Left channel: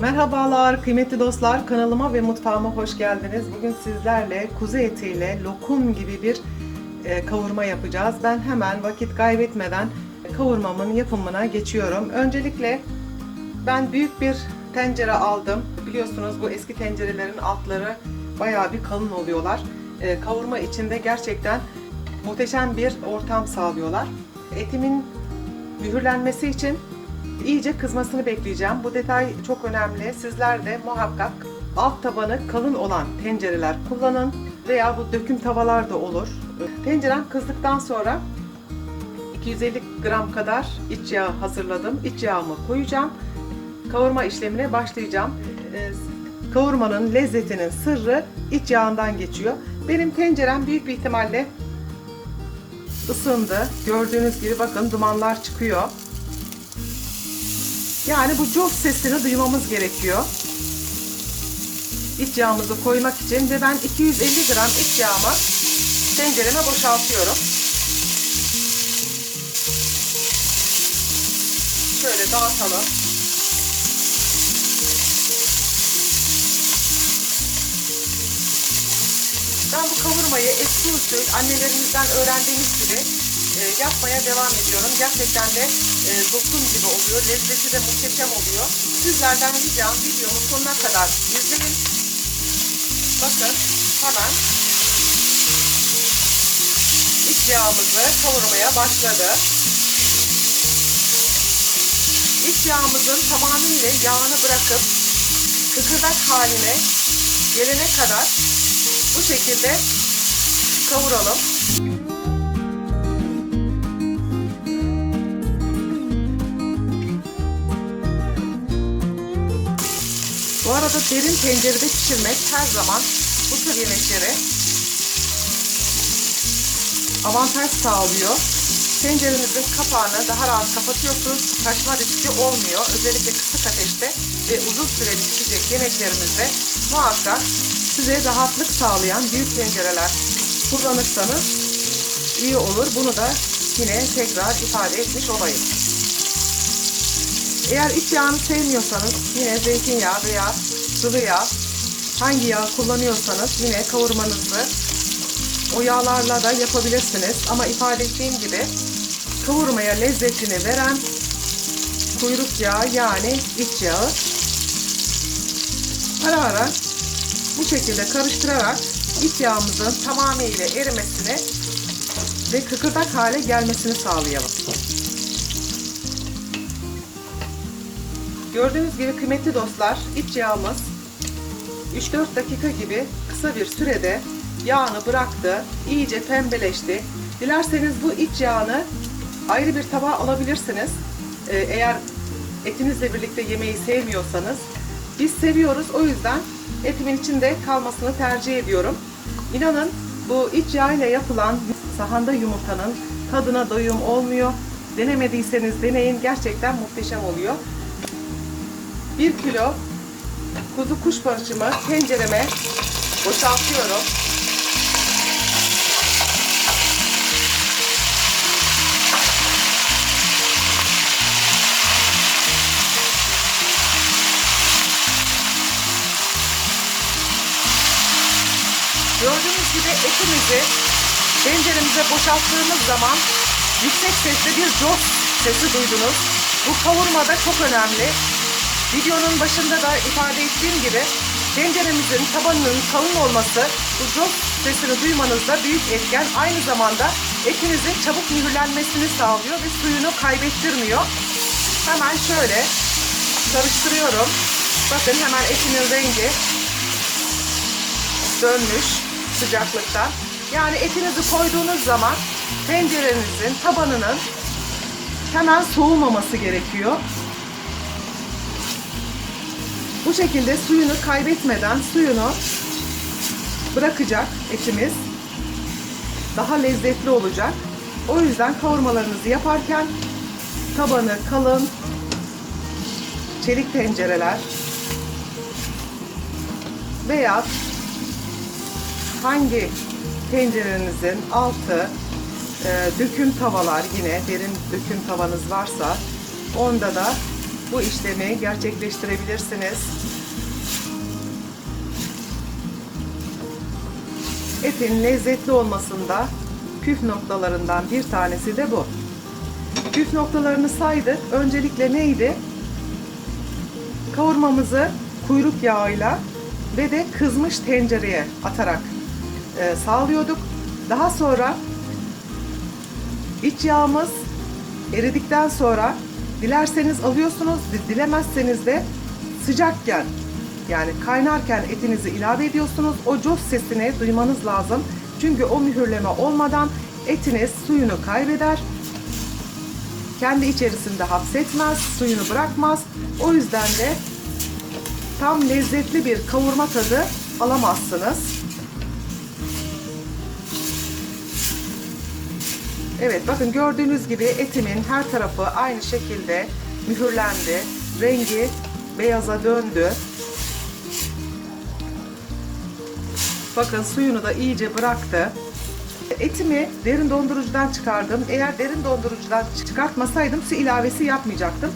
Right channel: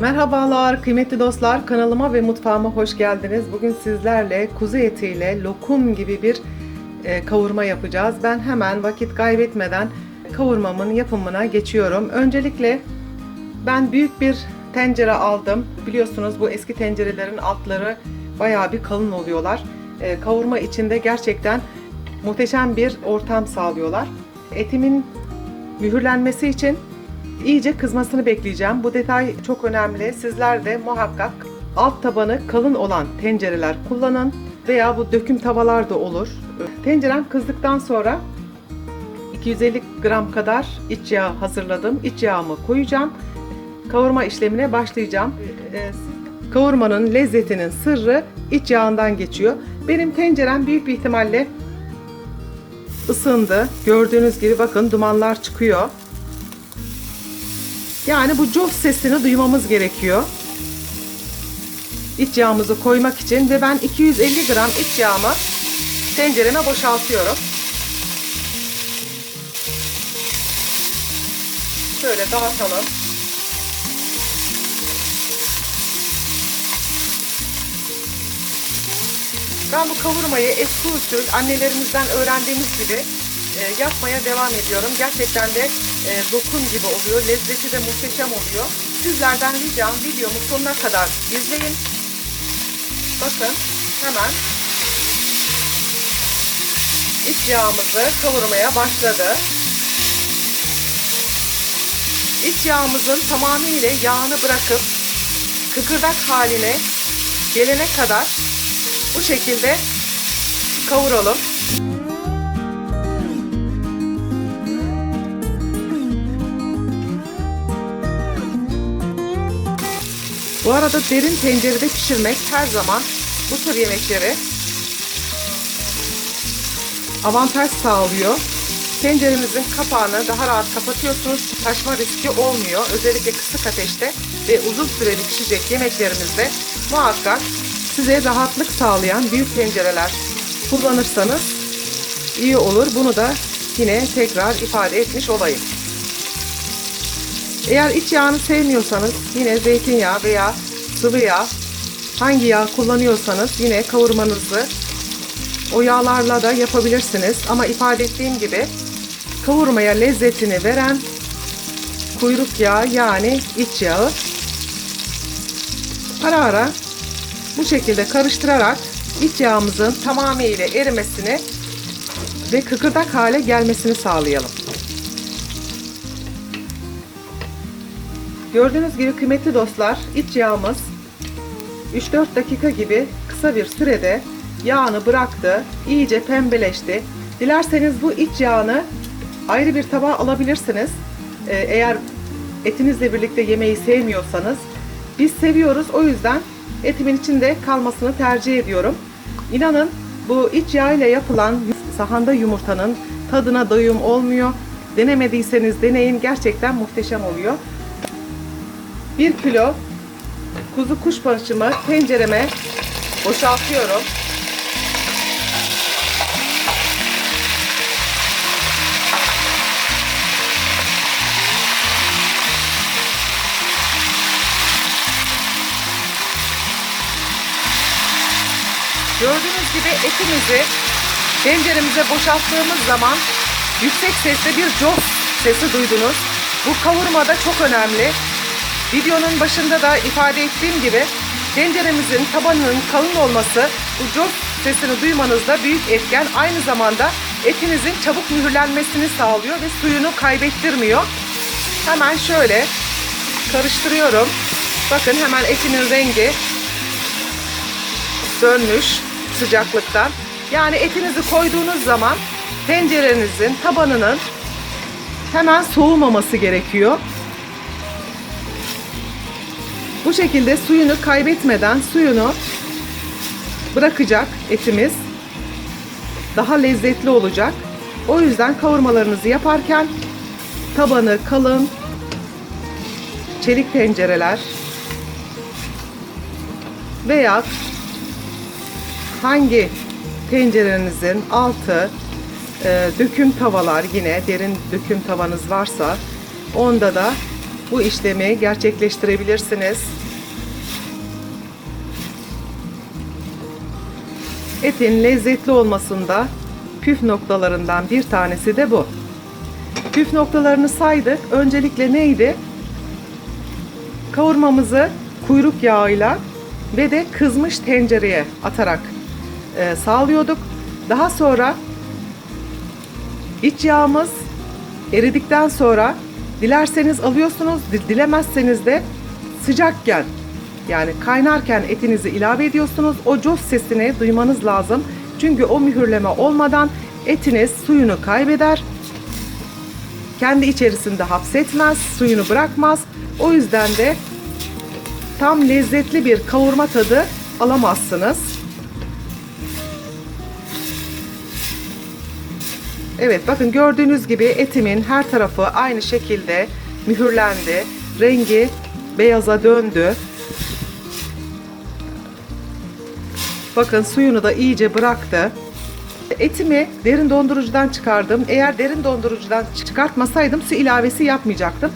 Merhabalar kıymetli dostlar kanalıma ve mutfağıma hoş geldiniz. Bugün sizlerle kuzu etiyle lokum gibi bir e, kavurma yapacağız. Ben hemen vakit kaybetmeden kavurmamın yapımına geçiyorum. Öncelikle ben büyük bir tencere aldım. Biliyorsunuz bu eski tencerelerin altları bayağı bir kalın oluyorlar. E, kavurma içinde gerçekten muhteşem bir ortam sağlıyorlar. Etimin mühürlenmesi için iyice kızmasını bekleyeceğim. Bu detay çok önemli. Sizler de muhakkak alt tabanı kalın olan tencereler kullanın veya bu döküm tavalar da olur. Tencerem kızdıktan sonra 250 gram kadar iç yağ hazırladım. İç yağımı koyacağım. Kavurma işlemine başlayacağım. Ee, Kavurmanın lezzetinin sırrı iç yağından geçiyor. Benim tencerem büyük bir ihtimalle ısındı. Gördüğünüz gibi bakın dumanlar çıkıyor. Yani bu cof sesini duymamız gerekiyor. İç yağımızı koymak için ve ben 250 gram iç yağımı tencereme boşaltıyorum. Şöyle dağıtalım. Ben bu kavurmayı eski usul annelerimizden öğrendiğimiz gibi e, yapmaya devam ediyorum. Gerçekten de e, dokum gibi oluyor. Lezzeti de muhteşem oluyor. Sizlerden ricam videomu sonuna kadar izleyin. Bakın hemen iç yağımızı kavurmaya başladı. İç yağımızın tamamıyla yağını bırakıp kıkırdak haline gelene kadar bu şekilde kavuralım. Bu arada derin tencerede pişirmek her zaman bu tür yemekleri avantaj sağlıyor. Tenceremizin kapağını daha rahat kapatıyorsunuz. Taşma riski olmuyor. Özellikle kısık ateşte ve uzun süreli pişecek yemeklerimizde muhakkak size rahatlık sağlayan büyük tencereler kullanırsanız iyi olur. Bunu da yine tekrar ifade etmiş olayım. Eğer iç yağını sevmiyorsanız yine zeytinyağı veya sıvı yağ hangi yağ kullanıyorsanız yine kavurmanızı o yağlarla da yapabilirsiniz. Ama ifade ettiğim gibi kavurmaya lezzetini veren kuyruk yağı yani iç yağı ara ara bu şekilde karıştırarak iç yağımızın tamamıyla erimesini ve kıkırdak hale gelmesini sağlayalım. Gördüğünüz gibi kıymetli dostlar iç yağımız 3-4 dakika gibi kısa bir sürede yağını bıraktı. iyice pembeleşti. Dilerseniz bu iç yağını ayrı bir tabağa alabilirsiniz. Ee, eğer etinizle birlikte yemeği sevmiyorsanız. Biz seviyoruz o yüzden etimin içinde kalmasını tercih ediyorum. İnanın bu iç yağ ile yapılan sahanda yumurtanın tadına doyum olmuyor. Denemediyseniz deneyin gerçekten muhteşem oluyor. 1 kilo kuzu kuşbaşımı tencereme boşaltıyorum. Gördüğünüz gibi etimizi tenceremize boşalttığımız zaman yüksek sesle bir coz sesi duydunuz. Bu kavurmada çok önemli. Videonun başında da ifade ettiğim gibi tenceremizin tabanının kalın olması bu coz sesini duymanızda büyük etken. Aynı zamanda etinizin çabuk mühürlenmesini sağlıyor ve suyunu kaybettirmiyor. Hemen şöyle karıştırıyorum. Bakın hemen etimin rengi dönmüş sıcaklıktan. Yani etinizi koyduğunuz zaman tencerenizin tabanının hemen soğumaması gerekiyor. Bu şekilde suyunu kaybetmeden suyunu bırakacak etimiz. Daha lezzetli olacak. O yüzden kavurmalarınızı yaparken tabanı kalın çelik tencereler veya hangi tencerenizin altı e, döküm tavalar yine derin döküm tavanız varsa onda da bu işlemi gerçekleştirebilirsiniz. Etin lezzetli olmasında püf noktalarından bir tanesi de bu. Püf noktalarını saydık. Öncelikle neydi? Kavurmamızı kuyruk yağıyla ve de kızmış tencereye atarak e, sağlıyorduk. Daha sonra iç yağımız eridikten sonra dilerseniz alıyorsunuz, di- dilemezseniz de sıcakken yani kaynarken etinizi ilave ediyorsunuz. O cos sesini duymanız lazım. Çünkü o mühürleme olmadan etiniz suyunu kaybeder. Kendi içerisinde hapsetmez, suyunu bırakmaz. O yüzden de tam lezzetli bir kavurma tadı alamazsınız. Evet bakın gördüğünüz gibi etimin her tarafı aynı şekilde mühürlendi. Rengi beyaza döndü. Bakın suyunu da iyice bıraktı. Etimi derin dondurucudan çıkardım. Eğer derin dondurucudan çıkartmasaydım su ilavesi yapmayacaktım.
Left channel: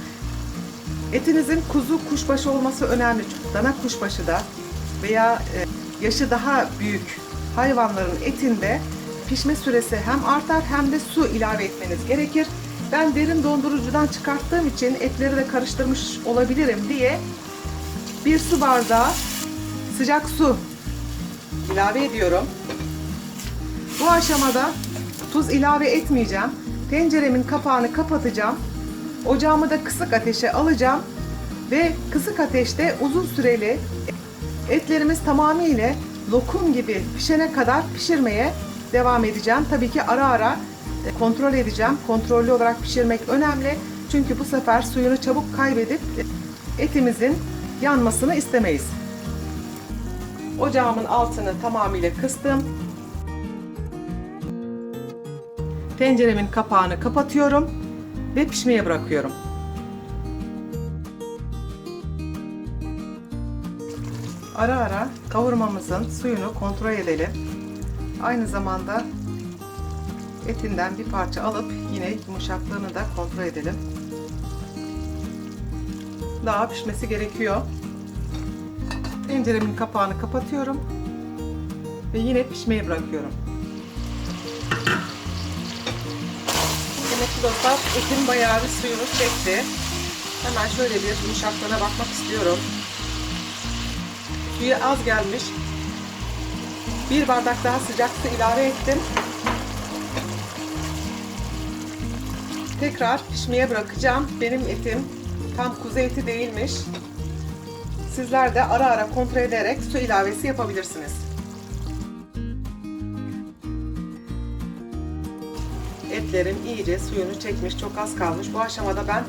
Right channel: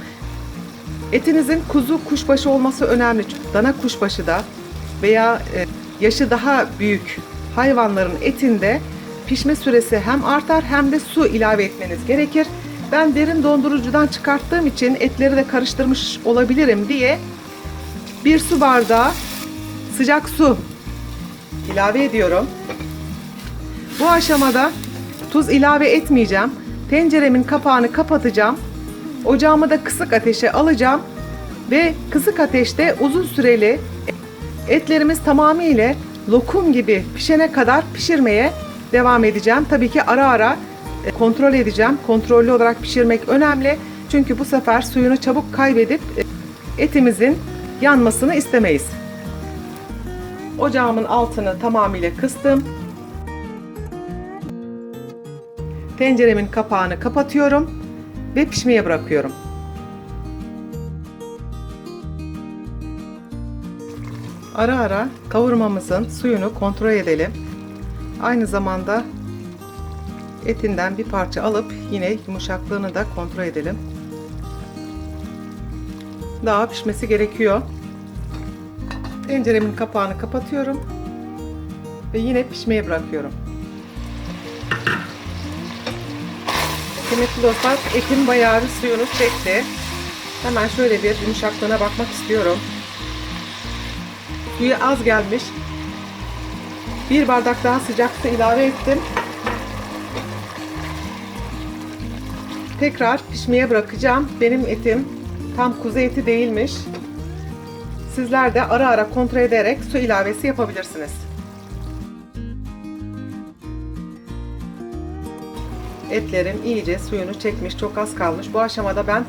Etinizin kuzu kuşbaşı olması önemli. Dana kuşbaşı da veya e, yaşı daha büyük hayvanların etinde pişme süresi hem artar hem de su ilave etmeniz gerekir. Ben derin dondurucudan çıkarttığım için etleri de karıştırmış olabilirim diye bir su bardağı sıcak su ilave ediyorum. Bu aşamada tuz ilave etmeyeceğim. Tenceremin kapağını kapatacağım. Ocağımı da kısık ateşe alacağım ve kısık ateşte uzun süreli etlerimiz tamamıyla lokum gibi pişene kadar pişirmeye devam edeceğim. Tabii ki ara ara e, kontrol edeceğim. Kontrollü olarak pişirmek önemli. Çünkü bu sefer suyunu çabuk kaybedip e, etimizin yanmasını istemeyiz. Ocağımın altını tamamıyla kıstım. Tenceremin kapağını kapatıyorum ve pişmeye bırakıyorum. Ara ara kavurmamızın suyunu kontrol edelim. Aynı zamanda etinden bir parça alıp yine yumuşaklığını da kontrol edelim. Daha pişmesi gerekiyor. Tenceremin kapağını kapatıyorum ve yine pişmeye bırakıyorum. Kıymetli dostlar, etim bayağı bir suyunu çekti. Hemen şöyle bir yumuşaklığına bakmak istiyorum. Suyu az gelmiş. Bir bardak daha sıcak su ilave ettim. Tekrar pişmeye bırakacağım. Benim etim tam kuzu eti değilmiş. Sizler de ara ara kontrol ederek su ilavesi yapabilirsiniz. Etlerim iyice suyunu çekmiş, çok az kalmış. Bu aşamada ben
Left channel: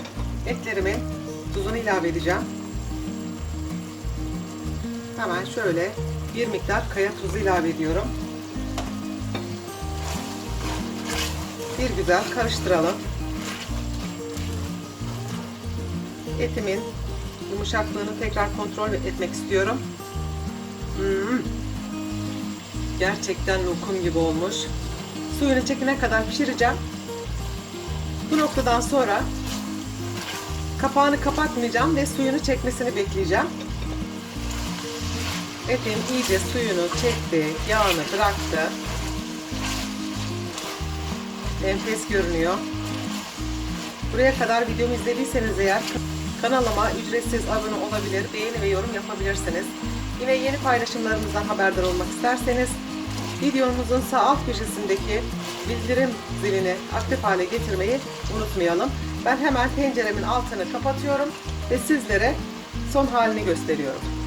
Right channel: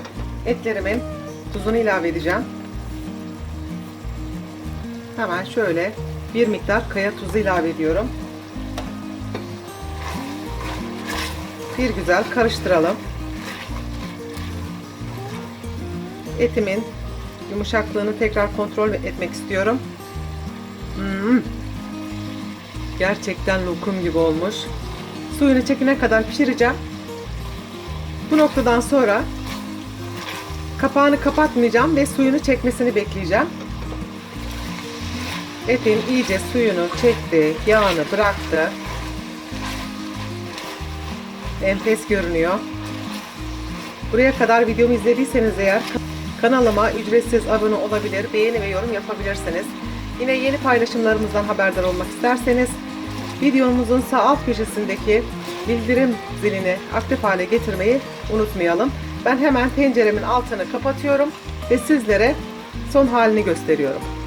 etlerimin tuzunu ilave edeceğim. Hemen şöyle bir miktar kaya tuzu ilave ediyorum. Bir güzel karıştıralım. Etimin yumuşaklığını tekrar kontrol etmek istiyorum. Hmm. Gerçekten lokum gibi olmuş. Suyunu çekene kadar pişireceğim. Bu noktadan sonra kapağını kapatmayacağım ve suyunu çekmesini bekleyeceğim. Etin iyice suyunu çekti, yağını bıraktı. Enfes görünüyor. Buraya kadar videomu izlediyseniz eğer kanalıma ücretsiz abone olabilir, beğeni ve yorum yapabilirsiniz. Yine yeni paylaşımlarımızdan haberdar olmak isterseniz videomuzun sağ alt köşesindeki bildirim zilini aktif hale getirmeyi unutmayalım. Ben hemen tenceremin altını kapatıyorum ve sizlere son halini gösteriyorum.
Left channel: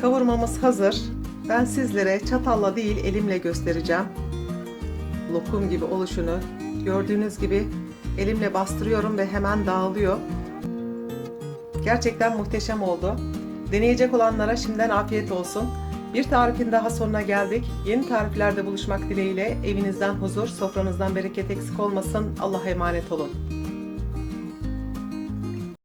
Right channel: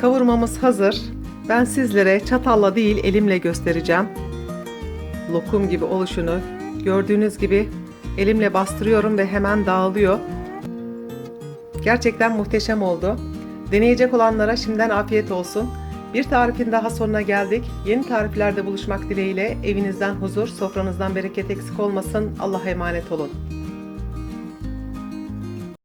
Kavurmamız hazır. Ben sizlere çatalla değil elimle göstereceğim. Lokum gibi oluşunu gördüğünüz gibi elimle bastırıyorum ve hemen dağılıyor. Gerçekten muhteşem oldu. Deneyecek olanlara şimdiden afiyet olsun. Bir tarifin daha sonuna geldik. Yeni tariflerde buluşmak dileğiyle evinizden huzur, sofranızdan bereket eksik olmasın. Allah'a emanet olun.